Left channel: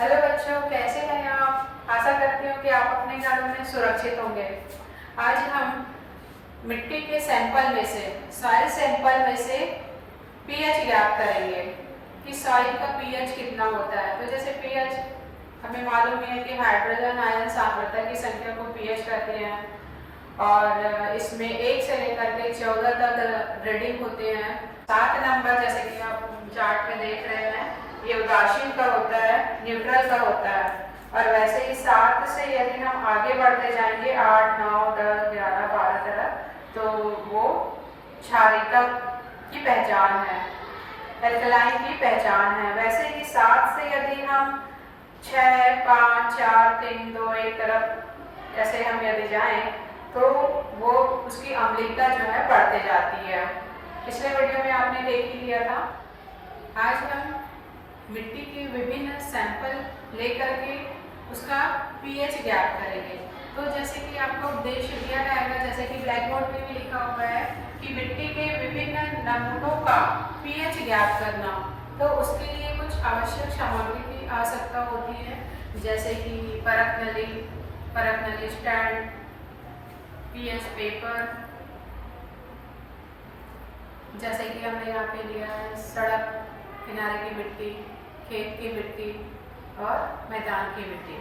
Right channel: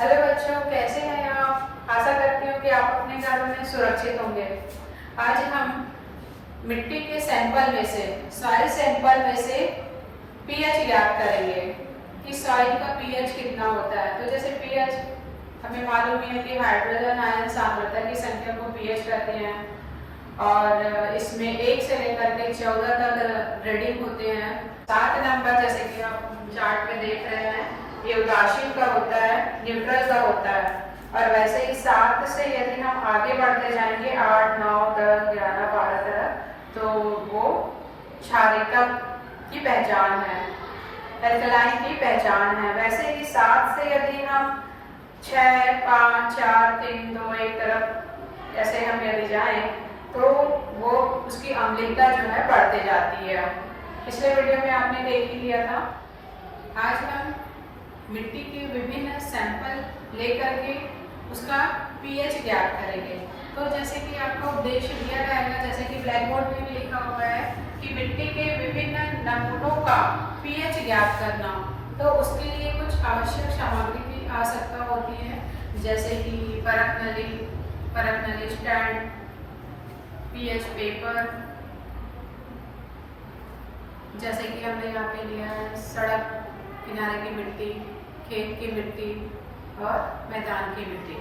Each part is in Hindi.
हेलो बच्चों, कैसे हैं आप? आशा करती हूँ कि आप अपने घरों में सुरक्षित होंगे। आज हम मिट्टी के सैंपल में से, सॉइल सैंपल में से पीएच ज्ञात करेंगे कि सॉइल का पीएच कितना होता है। तो जैसे पीएच हमें मालूम है कि हाइड्रोजन आयन सांद्रता की संख्या को पीएच कहते हैं और इसमें 1 से लेकर के 14 तक रीडिंग होते हैं। 7 नंबर जैसे कि आप चार्ट में देख रहे हैं, ये उदासीन का होता है, न्यूट्रल का होता है। और वैसे ही 7 से यदि हम आगे बढ़ते जाएंगे 8, 9, 10, 11, 12 तक, तो वो क्षारीयता की पहचान है, एल्कलाइन की पहचान है। वैसे ही 7 से यदि हम 6, 5, 4, 3, 2, 1 तरफ ऐसे हम यदि जाएं तो वो उसकी अम्लीयता जो है बढ़ते जाती है। पिछले वीडियो में आपने देख ही लिया था। आज हम मिट्टी के विभिन्न सैंपल लेकर के उसका पीएच ज्ञात करेंगे। तो जैसे कि आपको उद्देश्य दिया रहेगा, जैसे कि ब्लैक बोर्ड में भी लिखा हुआ है कि मिट्टी के विभिन्न नमूनों का पीएच ज्ञात करना। तो उसके लिए कुछ आवश्यक सामग्री की आवश्यकता होती है, जैसे कि परख नली स्टैंड, पीएच पेपर, जैसे कि हमने यहाँ पे लिया है सड़क किनारे की मिट्टी, खेत की मिट्टी और मैदान की मिट्टी,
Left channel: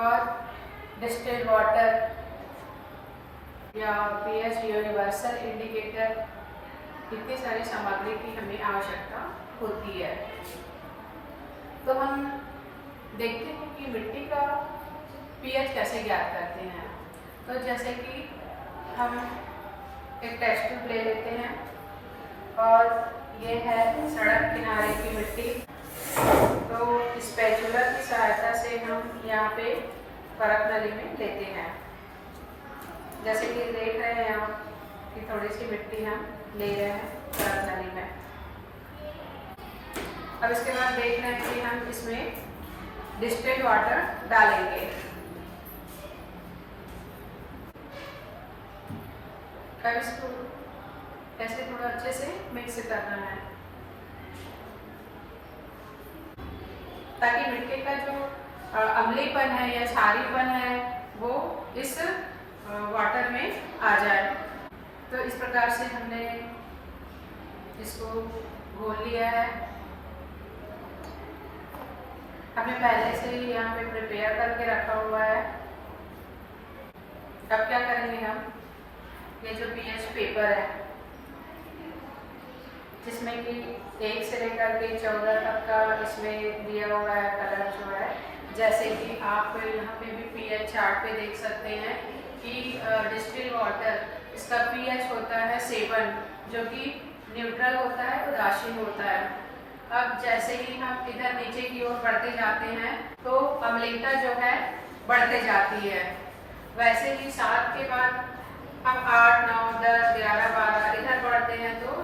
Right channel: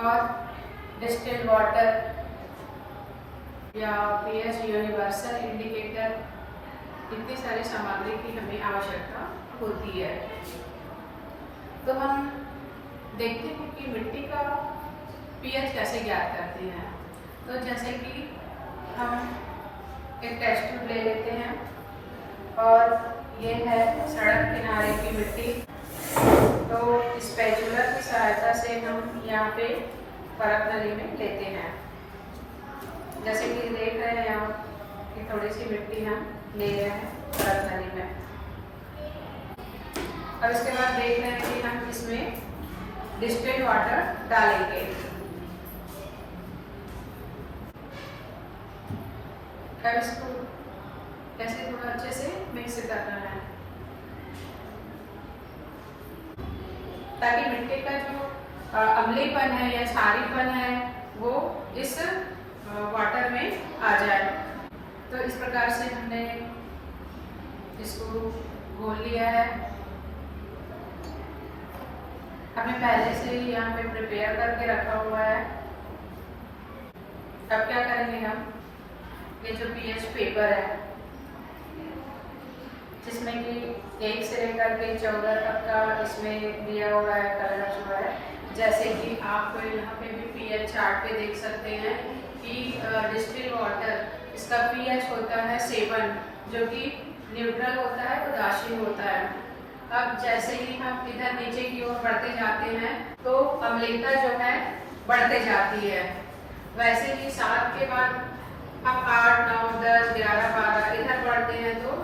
और डिस्टिल्ड वाटर या पीएच यूनिवर्सल इंडिकेटर, इतनी सारी सामग्री की हमें आवश्यकता होती है। तो हम देखते हैं कि मिट्टी का पीएच कैसे ज्ञात करते हैं। तो जैसे कि हम एक टेस्ट ट्यूब ले लेते हैं और ये है सड़क किनारे की मिट्टी। तो स्पैचुला की सहायता से हम यहाँ पे परख नली में लेते हैं। जैसे कि देख रहे हैं यहाँ कि थोड़ी सी मिट्टी हम ले रहे हैं परख नली में। अब इसके बाद देख रहे हैं कि हम इसमें डिस्टिल्ड वाटर डालेंगे। अब इसको ऐसे थोड़ा अच्छे से मिक्स करना है ताकि मिट्टी का जो अम्लीपन है या क्षारीयपन है वो इस वाटर में आ जाए। तो इस प्रकार से हमने इसको घोल लिया है। हमने पहले से ही यहाँ पे प्रिपेयर करके रखा हुआ है। अब क्या करेंगे हम, ये जो पीएच पेपर है जिसमें कि 1 से लेकर के 14 तक का इसमें दिया हुआ है कलर जो है, जैसे कि आप यहाँ पे भी पीएच चार्ट पे देख सकते हैं कि डिस्टिल्ड वाटर इसका पीएच होता है 7, जो कि न्यूट्रल होता है, उदासीन होता है। अब जैसे ही हम इधर नीचे की ओर बढ़ते जाते हैं तो अम्लीयता जो है बढ़ते जाती है। वैसे ही 7 के बाद हम 8, 9, 10, 11, 12 इधर बढ़ते हैं तो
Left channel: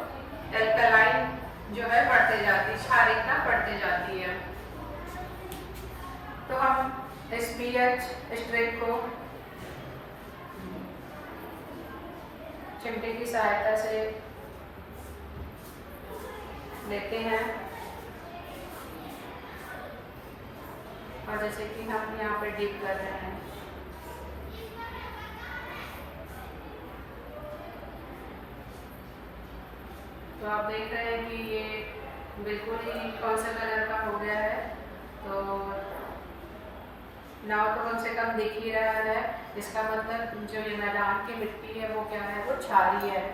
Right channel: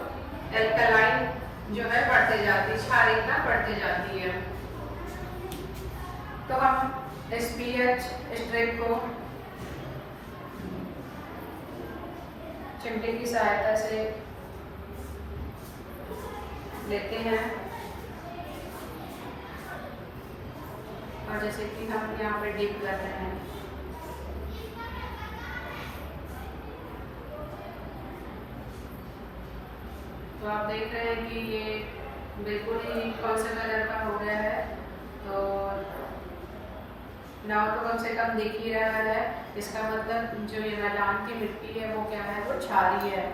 एल्कलाइन जो है बढ़ते जाती है, क्षारीयता बढ़ते जाती है। तो हम इस पीएच स्ट्रिप को चिमटे की सहायता से लेते हैं और जैसे कि हम यहाँ पे डिप कर रहे हैं। तो आप देख रहे हैं कि ये बिल्कुल ही कौन सा कलर का हो गया है। तो नाव तो कम से कम दिख ही रहा है, इसका मतलब जो ये मैदान की मिट्टी है वो क्या है, वो क्षारीय है।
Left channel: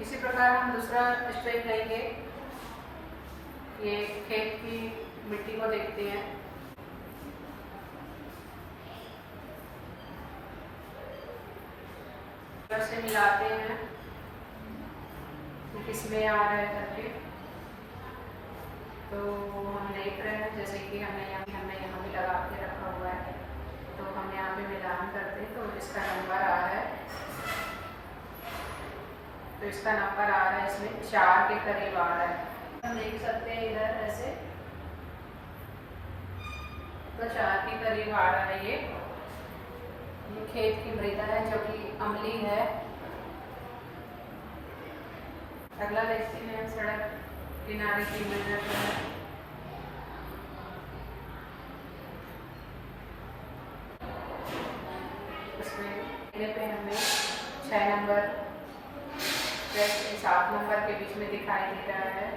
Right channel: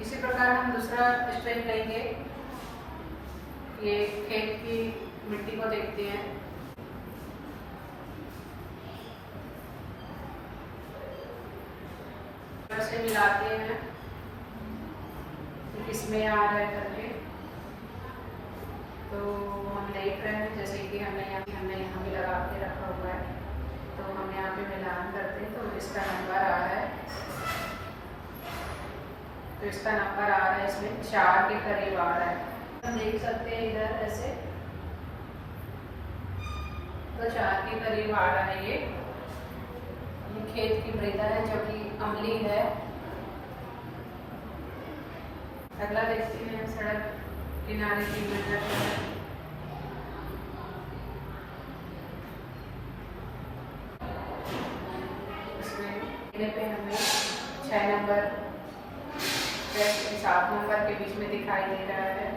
इसी प्रकार हम दूसरा स्टेप लेंगे। ये खेत की मिट्टी को देखते हैं। से मिलाते हैं कि किसमें आ रहा है करके। तो हम देख रहे हैं जैसे कि हमने यहाँ भी लगा के रखा हुआ है। तो हम यहाँ पे मिलान करते हैं तो इसका नंबर आ रहा है। तो इसका नंबर आ रहा है, इसमें 4 के करीब आ रहा है। हम देख सकते हैं इधर ऐसे, तो 4 के करीब आ रहा है। ये खेत की मृदा है जो कि अम्लीय है। अगला देखते हैं सड़क किनारे की मृदा। इसमें पे हमें 6 नंबर 7 नंबर के बीच में दिखाई दे रहा है।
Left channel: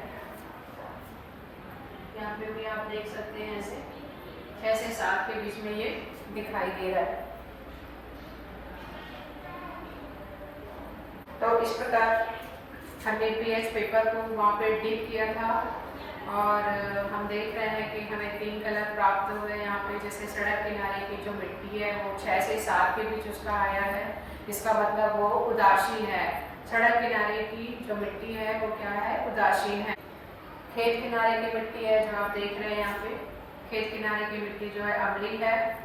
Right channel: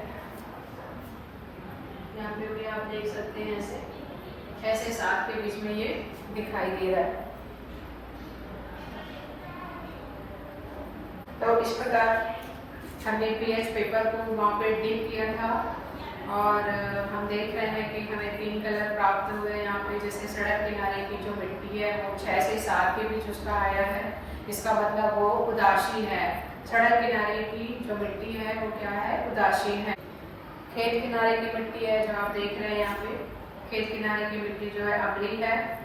यहाँ पे भी आप देख सकते हैं ऐसे 6 से 7 के बीच में ये दिखाई दे रहा है। तो इस प्रकार हमने पीएच पेपर को वहाँ पे डिप किया था और हम देख रहे हैं कि हमें 3 कलर प्राप्त हुए यहाँ पे। जैसे सड़क किनारे की जो मिट्टी है वो 6 से 7 के बीच उसका आया है, इसका मतलब वो उदासीन है। सड़क किनारे की जो मिट्टी है वो क्या है, उदासीन है। खेत किनारे की मिट्टी है जो आप देख रहे हैं यहाँ पे, खेत किनारे की मिट्टी जो है अम्लीय है।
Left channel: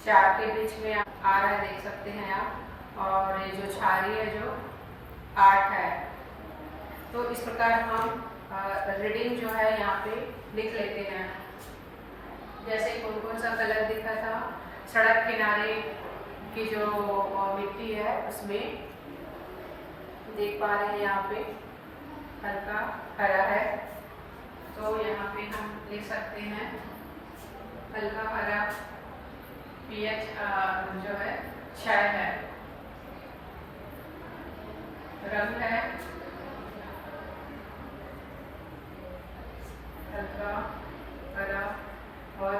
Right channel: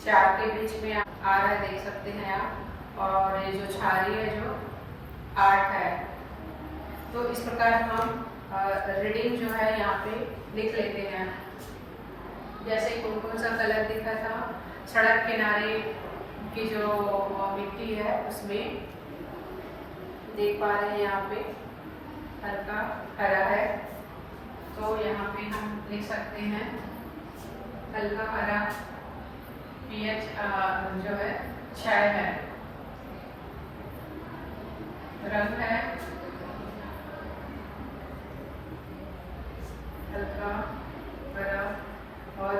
4 के बीच में आ रहा है, देख सकते हैं आप। और ये जो क्षारीय है जो 8 है। तो इस प्रकार हम रीडिंग जो है यहाँ पे लिख लेते हैं। जैसे कौन कौन सा कलर दिखा था, सड़क किनारे की जो मिट्टी है उसमें देख पा रहे हैं यहाँ पे हल्का हरा है। तो यहाँ पे हम लिख सकते हैं हल्का हरा पीएच जो है 6 है। रंग है हल्का हरा और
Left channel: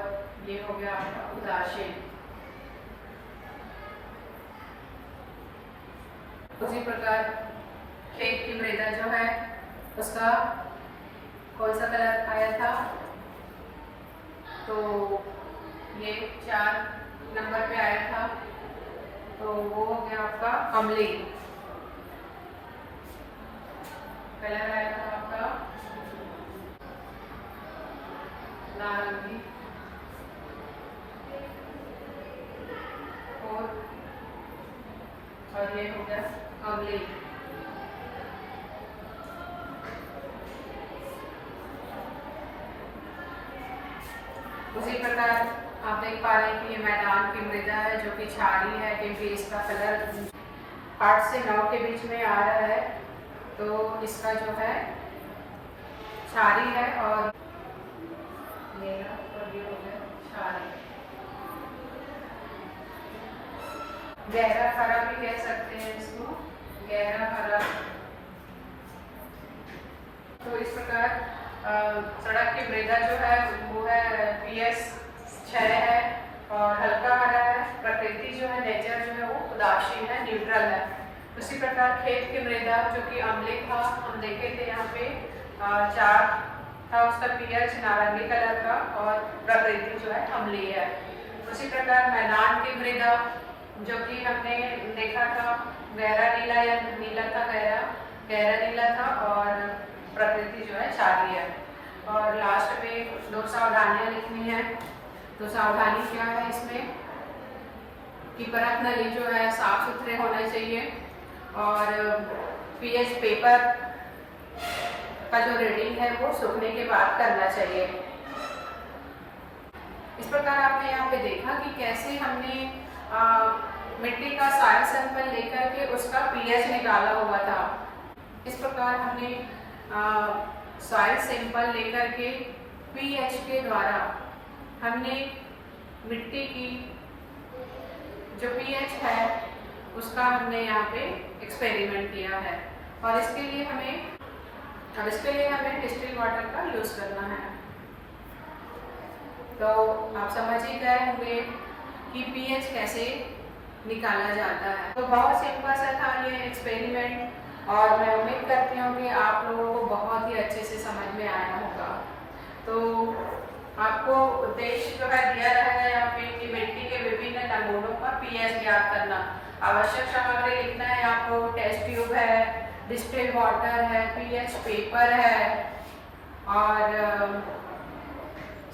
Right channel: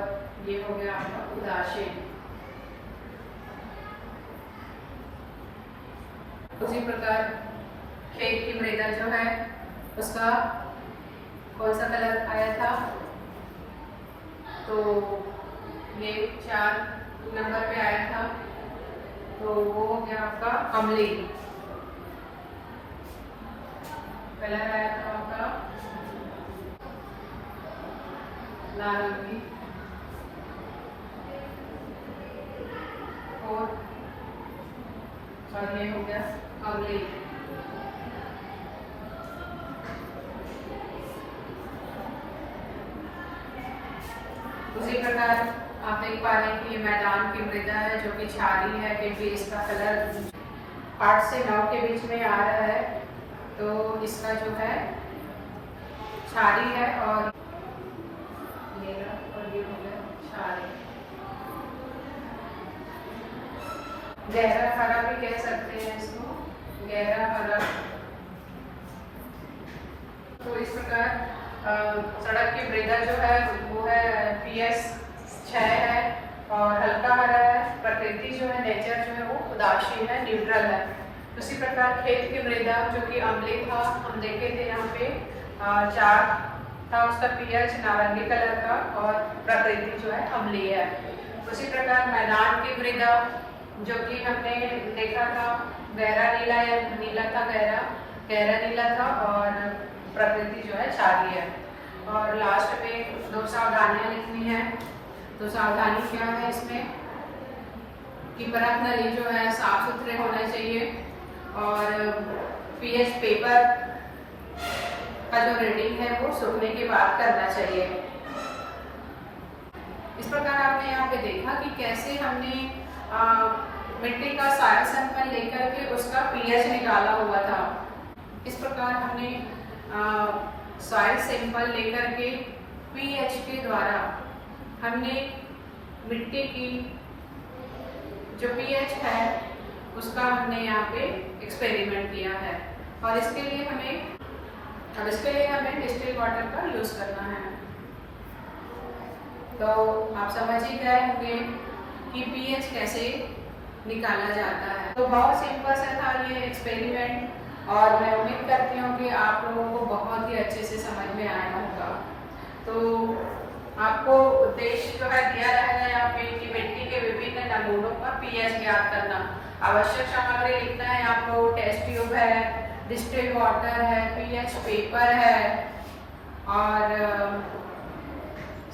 ये हो गया आपका उदासीन। उसी प्रकार खेत की मृदा जो है उसका कौन सा कलर आया था, तो ये 4 नंबर पे आया था। तो वो हो गया आपका अम्लीय कलर आया था आपका नारंगी और ये हो गया अम्लीय। उसी प्रकार आप देख पा रहे हैं कि ये मैदान की मृदा है जो कि क्षारीय है, क्योंकि इसका कलर 8 से 9 के बीच में आ रहा है। तो इसका जो है क्षारीय है और ये हो गया क्षारीय। गहरा हरा भी कह सकते हैं इसको, गहरा हरा। तो इस प्रकार सड़क की मृदा जो है वो है पीएच 6 है और हल्का हरा है। प्रकृति जो है, नेचर जो है वो उदासीन है, न्यूट्रल है। उसी प्रकार खेत की मृदा जो कि अम्लीय था, हम देखे थे यहाँ पे 4 था उसका पीएच नारंगी कलर का और प्रकृति जो है अम्लीय है। उसी प्रकार मैदान की मृदा जो कि हमने देखा था गहरा नीला या नीला था, गहरा नीला था और प्रकृति जो है क्षारीय है। और लास्ट में 2 सावधानियां लिखनी है। तो सावधानी क्या है इसमें कि परत नली जो है साफ सुथरे होने चाहिए और पीएच पेपर का जो रीडिंग है वो सूखने के बाद करना चाहिए। इस प्रकार आपने यहाँ पे देखा कि कैसे हमने मिट्टी का सॉइल सैंपल लेकर के उसका पीएच निकाला हुआ था। इस प्रकार हमने सॉइल सैंपल लेकर के पीएच के द्वारा हमने मिट्टी की जो पीएच है उसका हमने यहाँ पे एक्सपेरिमेंट किया है। और इसके लिए हमें डिस्टिल्ड वाटर का यूज करना है। तो आप समझ ही गए होंगे कि पीएच कैसे निकाला जाता है। तो बहुत सिंपल सा था ये एक्सपेरिमेंट और मैं उम्मीद करती हूँ कि आप लोगों को बहुत ही अच्छे से समझ में आया होगा। तो आपको उद्देश्य जो है दिया रहेगा यहाँ पे कि मिट्टी के विभिन्न नमूनों का पीएच ज्ञात करना। आवश्यक सामग्री लिखना है आपको, टेस्ट ट्यूब है, डिस्टिल्ड वाटर है, पीएच पेपर है और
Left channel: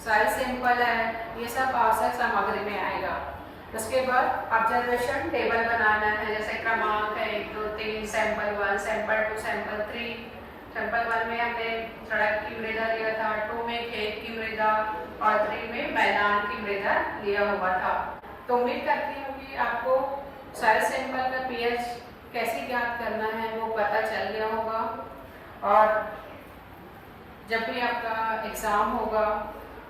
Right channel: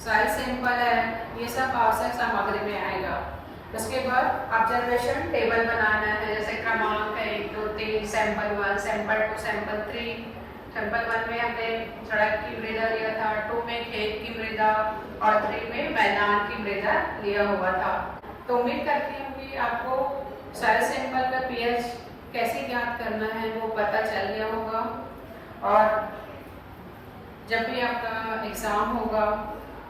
सॉइल सैंपल है। ये सब आवश्यक सामग्री में आएगा। उसके बाद ऑब्जर्वेशन टेबल बनाना है, जैसे क्रमांक है 1 2 3, सैंपल 1, सैंपल 2, सैंपल 3। सैंपल 1 में हमने सड़क की मृदा लिया था, 2 में खेत की मृदा और 3 में मैदान की मृदा लिया हुआ था। तो उम्मीद करती हूँ कि आपको सॉइल सैंपल का पीएच कैसे ज्ञात करना है वो पता चल गया होगा, और जब भी आपका एग्ज़ाम होगा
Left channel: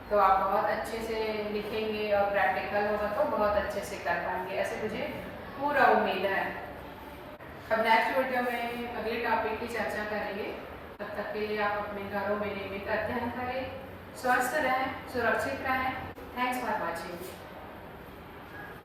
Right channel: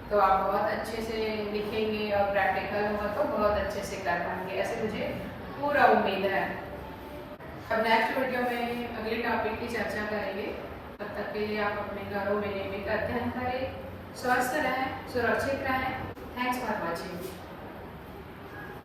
तो आप बहुत अच्छे से लिखेंगे और प्रैक्टिकल होगा तो बहुत अच्छे से कर पाएंगे, ऐसे मुझे पूरा उम्मीद है। अब नेक्स्ट वीडियो में अगले टॉपिक की चर्चा करेंगे। तब तक के लिए आप अपने घरों में नियमित अध्ययन करें, स्वस्थ रहें, सुरक्षित रहें। Thanks for watching.